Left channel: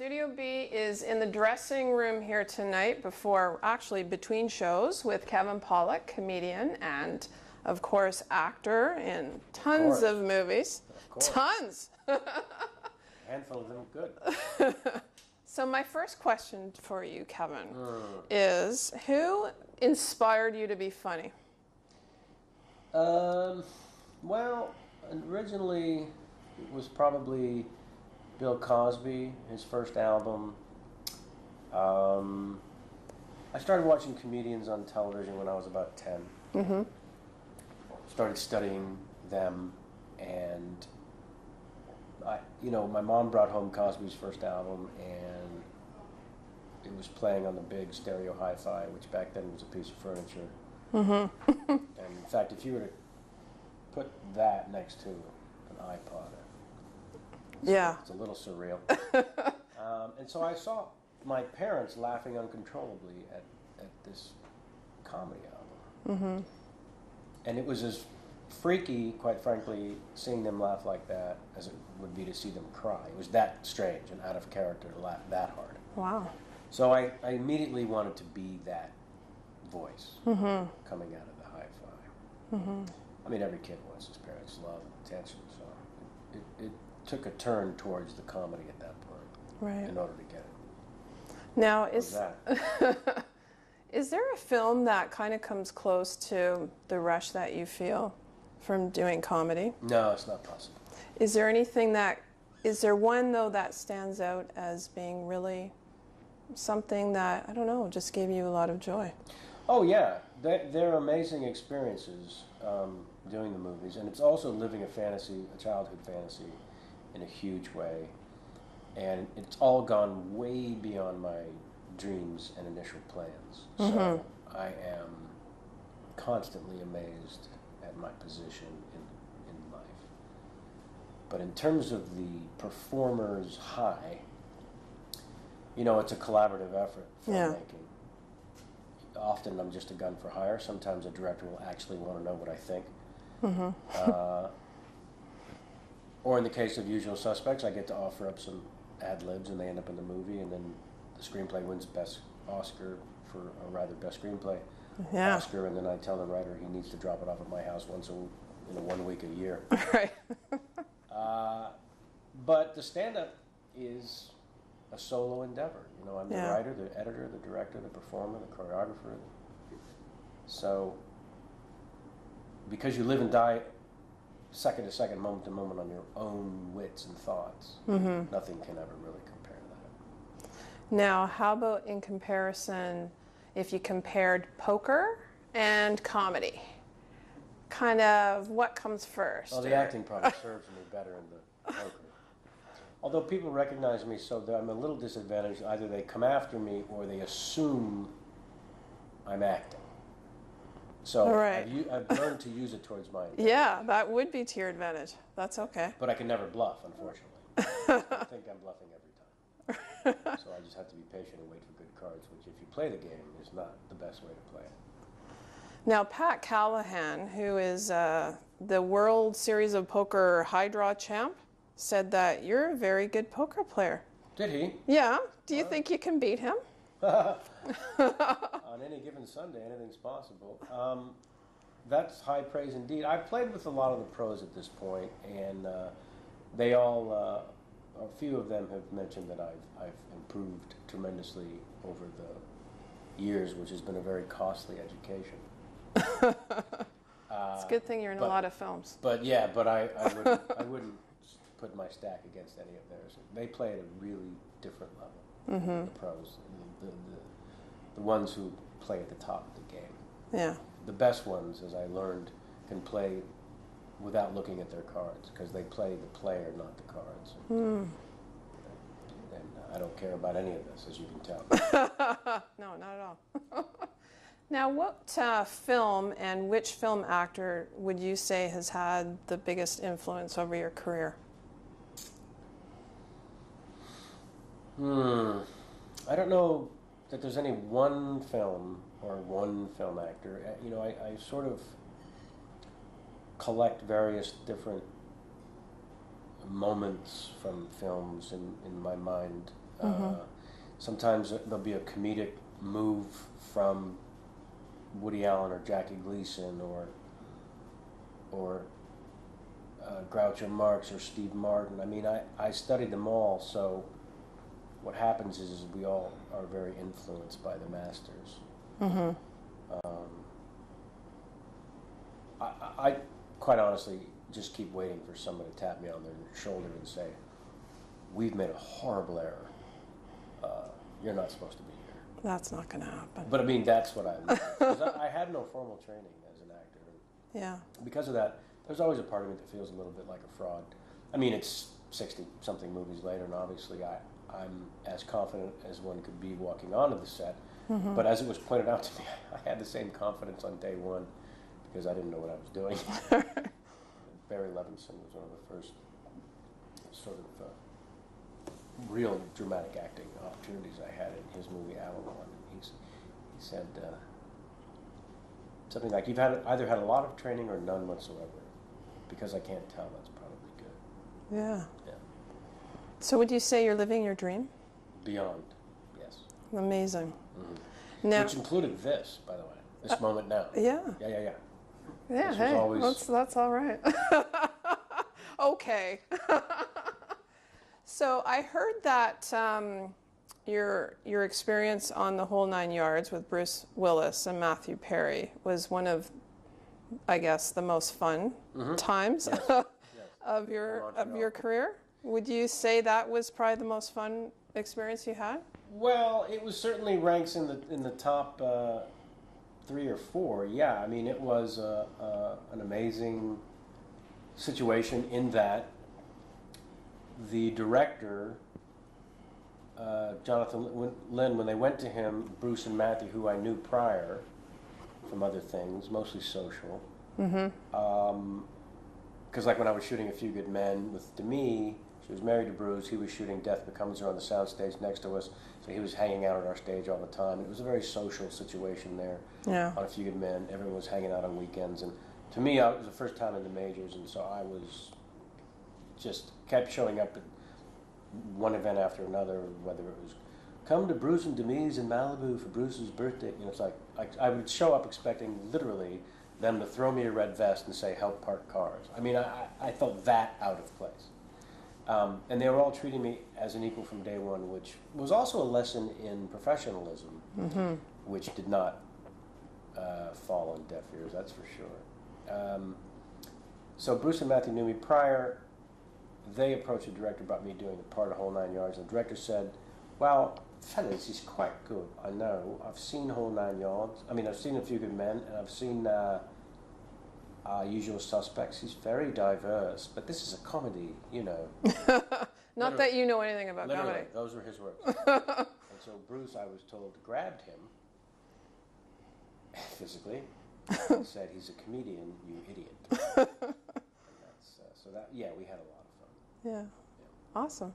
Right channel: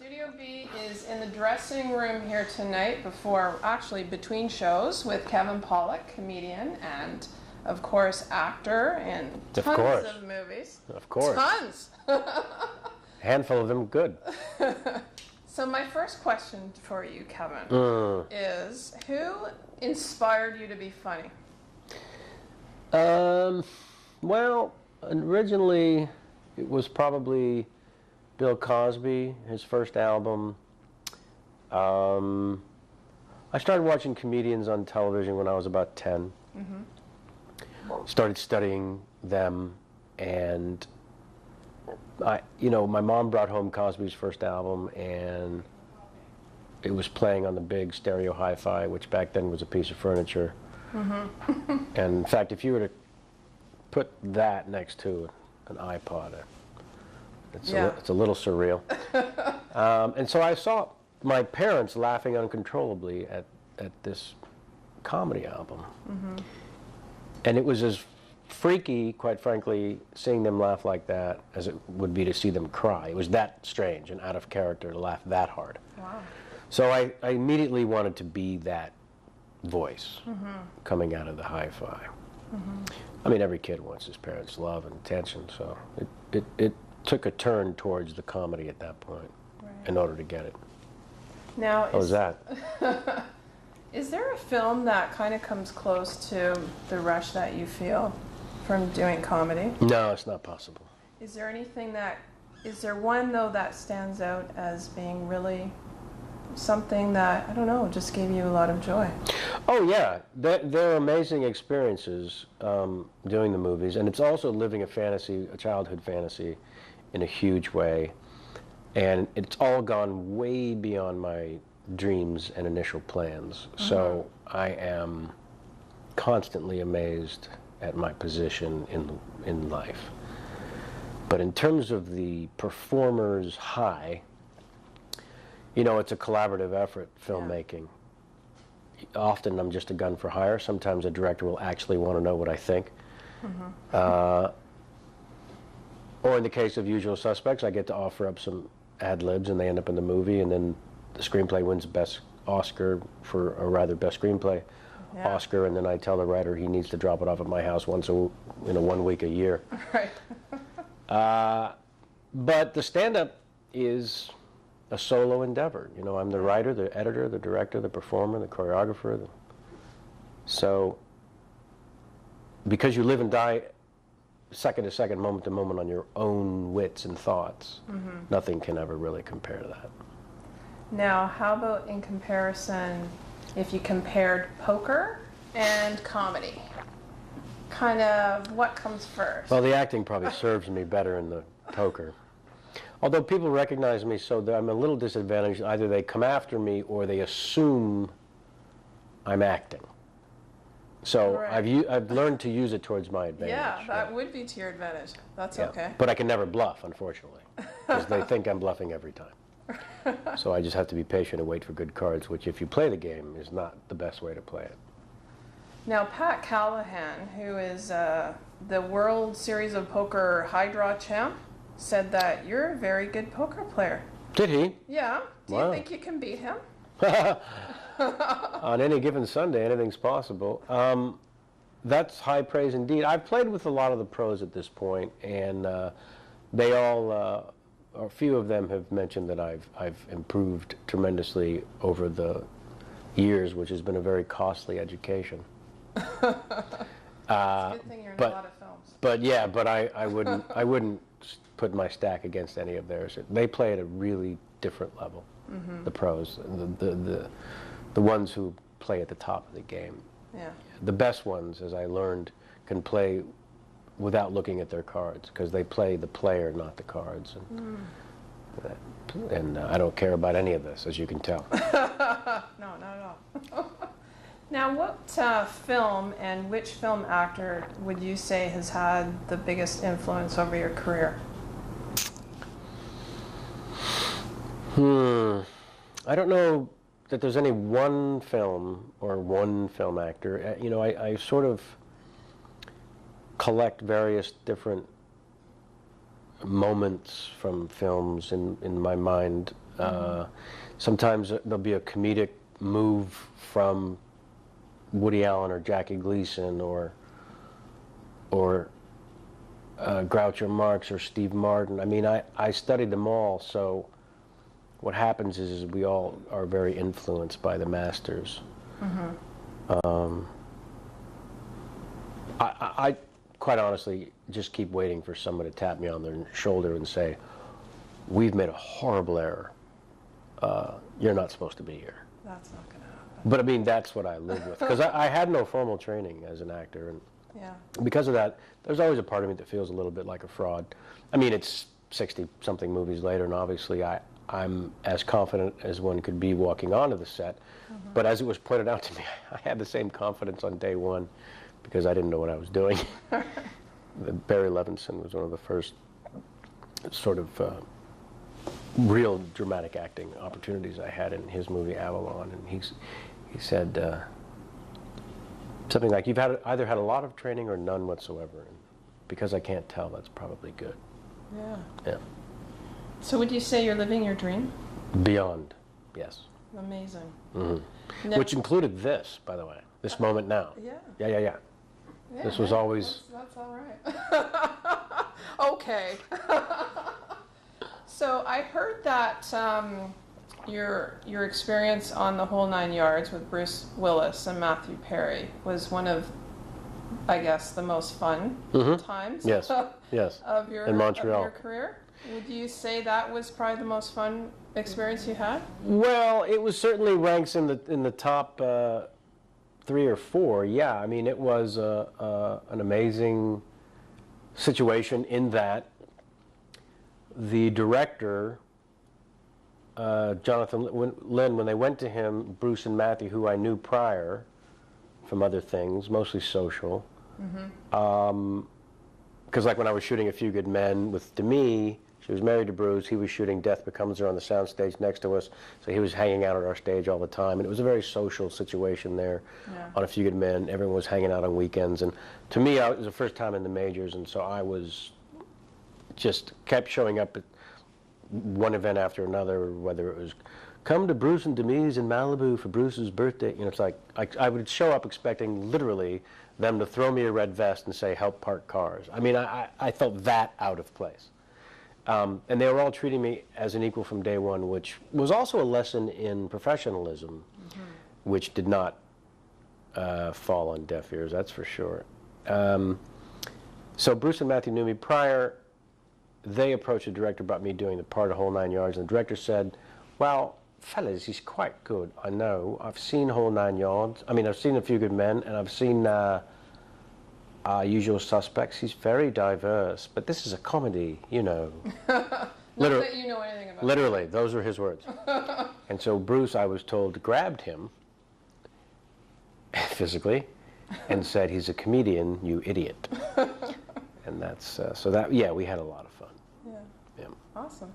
Studio B is in the dressing room here tonight between shows with Kevin Pollak, comedian and, of course, actor in tons of movies. Of course. Tons! Handful of them good. So my first question for you, Kevin, is who inspired you to be funny? Well, originally it was probably Bill Cosby, his first album. I started watching comedians on television when I was about 10. Mm-hmm. Started studying them, and my mom brought home Cosby's first album, and it was playing on the big stereo hi-fi, which back then was a piece of furniture. Mm-hmm. And in fact, if you were to put that next to an iPod, it's a little surreal. And so I saw my parents laughing uncontrollably at this comedy album. Mm-hmm. And it was as freaky, quite frankly, seeing them laugh like that as it would be to see them cry. It was that strange and out of character to laugh that hard. Wow. So I immediately wanted to be that voice coming out of the hi-fi. Mm-hmm. I mean, every kid wants his parents' love and attention, so it took a turn towards the comedy at that point in order to get it. Now, how was that? Is there a film that kind of comes close to the rush that you feel from doing comedy? No, it's not possible. Is there one, though, that stands out as being really something that, I don't know, just gave you a lot of joy? Oh, yeah. They're amazing experiences doing the movies, and it's also living a childhood fantasy in a huge way. And it's all gone way beyond my dreams and initial plans. Mm-hmm. So I am constantly amazed at my position in life. But in terms of the performer's high, it's a collaborative effort, filmmaking. Yeah. Often I'm just a gun for hire. Sometimes a director will actually want to know what I think. Mm-hmm. Or in the case of Usual Suspects, I get to offer up some ad-libs and they end up in the movie, and then the screenplay wins Best Oscar Best Screenplay Oscar, and then I tell the writer he needs to drop it off at my house once 1 week a year. Right. But the stand-up is a solo endeavor. I'm the writer, the editor, the director, the performer, the choreographer. So, because you live and die second to second, moment to moment on your own wits and thoughts, nothing can ever really compare to that. Now, how about in comparison, if you compared poker and comedy? Kind of what comes first? Well, the acting probably serves me better in the poker. Although people recognize me so that I'm a little disadvantaged. Either they come after me or they assume I'm acting. So I've learned to use it towards my advantage. Yeah, that would be to your advantage. That's okay. But I can never bluff, unfortunately, because they think I'm bluffing every time. So I just have to be patient and wait for good cards, which if you play the game is not the best way to play it. Now, Pat Callahan, who is the World Series of Poker high draw champ, said that you're a very good poker player. Did he? Yeah. Do you think you can beat him? On any given Sunday, anything's possible. That's high praise indeed. I've played with a lot of the pros at this point, and they all, or a few of them have mentioned that I've improved tremendously over the years, which has been a very costly education. It's a good thing you're in a lot of films. But I wouldn't put my stack against any of theirs. They play at a really different level. Mm-hmm. The pros, the ones who play at the top of the game. Yeah. The best ones, as I learned, can play without looking at their cards, because they play the player, not the cards. And I don't care about any of this, as you can tell. No, not at all. Now, what film and which film actor would you say has had the biggest influence over your career? I don't know that there's any one film or one film actor. I sort of collect various different moments from films in my mind Sometimes there'll be a comedic move from Woody Allen or Jackie Gleason or Groucho Marx or Steve Martin. I mean, I studied them all, so what happens is we all are very influenced by the masters. I quite honestly just keep waiting for someone to tap me on their shoulder and say, we've made a horrible error. You're not supposed to be here. That's not going to happen. But I mean, that's what I live with. Because I had no formal training as an actor. And Yeah. because of that, there's always a part of me that feels a little bit like a fraud. I mean, it's 60-something movies later, and obviously I'm as confident as one could be walking onto the set. But as it was pointed out to me, I had the same confidence on day one because I didn't know what I was doing. Barry Levinson was one of the first sort of real dramatic acting opportunities I had in his movie Avalon, and he said something like, "You've either had a lot of training or none whatsoever. Because I can't tell, that's probably good." Yeah. Yeah. So would you say you're living your dream? Beyond, yes. Amazing. Now, which included this, by the way, this moment now. Yeah. Yeah. Yeah, This was always. That's all right. Okay. So I heard that your experience on The Whole Nine Yards with Bruce Willis and Matthew Perry was one of, I guess, the most fun times Yes. of your in Montreal. of your career. Would you say that was probably the most fun experience you had? Well, it was certainly ranks in the top 3 or 4. Yeah, I mean, it was an amazing situation in that the director, Jonathan Lynn, when they went to him, Bruce and Matthew, who I knew prior from other things, mostly social, because like when I was shooting A Few Good Men with Demi, she was married to Bruce, he was shooting Death Becomes Her on the soundstage next to us, so he was hanging out at our stage all the time, and it was a very social situation there on A Few Good Men. Everyone was hanging out on weekends, and to me, it was the first time in the majors, and so I was just kept showing up at one event after another, whether it was come to Bruce and Demi's in Malibu for Bruce's birthday. You know, it's like I would show up expecting literally them to throw me a red vest and say, help park cars. I mean, I felt that out of place. And they were all treating me as an equal from day one, which was also a lesson in professionalism, which did not fall on deaf ears, that's for sure. So Bruce and Matthew knew me prior. They approached the director about me doing the part of Whole Nine Yards, and the director said, well, fellas, he's quite good, I know. I've seen Whole Nine Yards. I mean, I've seen A Few Good Men, and I've seen Usual Suspects. He's very diverse, but this is a comedy, you know. Not that you know anything about literally, those were his words. And so Bruce, I was told, grabbed him physically and said, he's a comedian, you idiot. And that's, so that, yeah, we had a lot of fun. Yeah. Yeah. Awesome.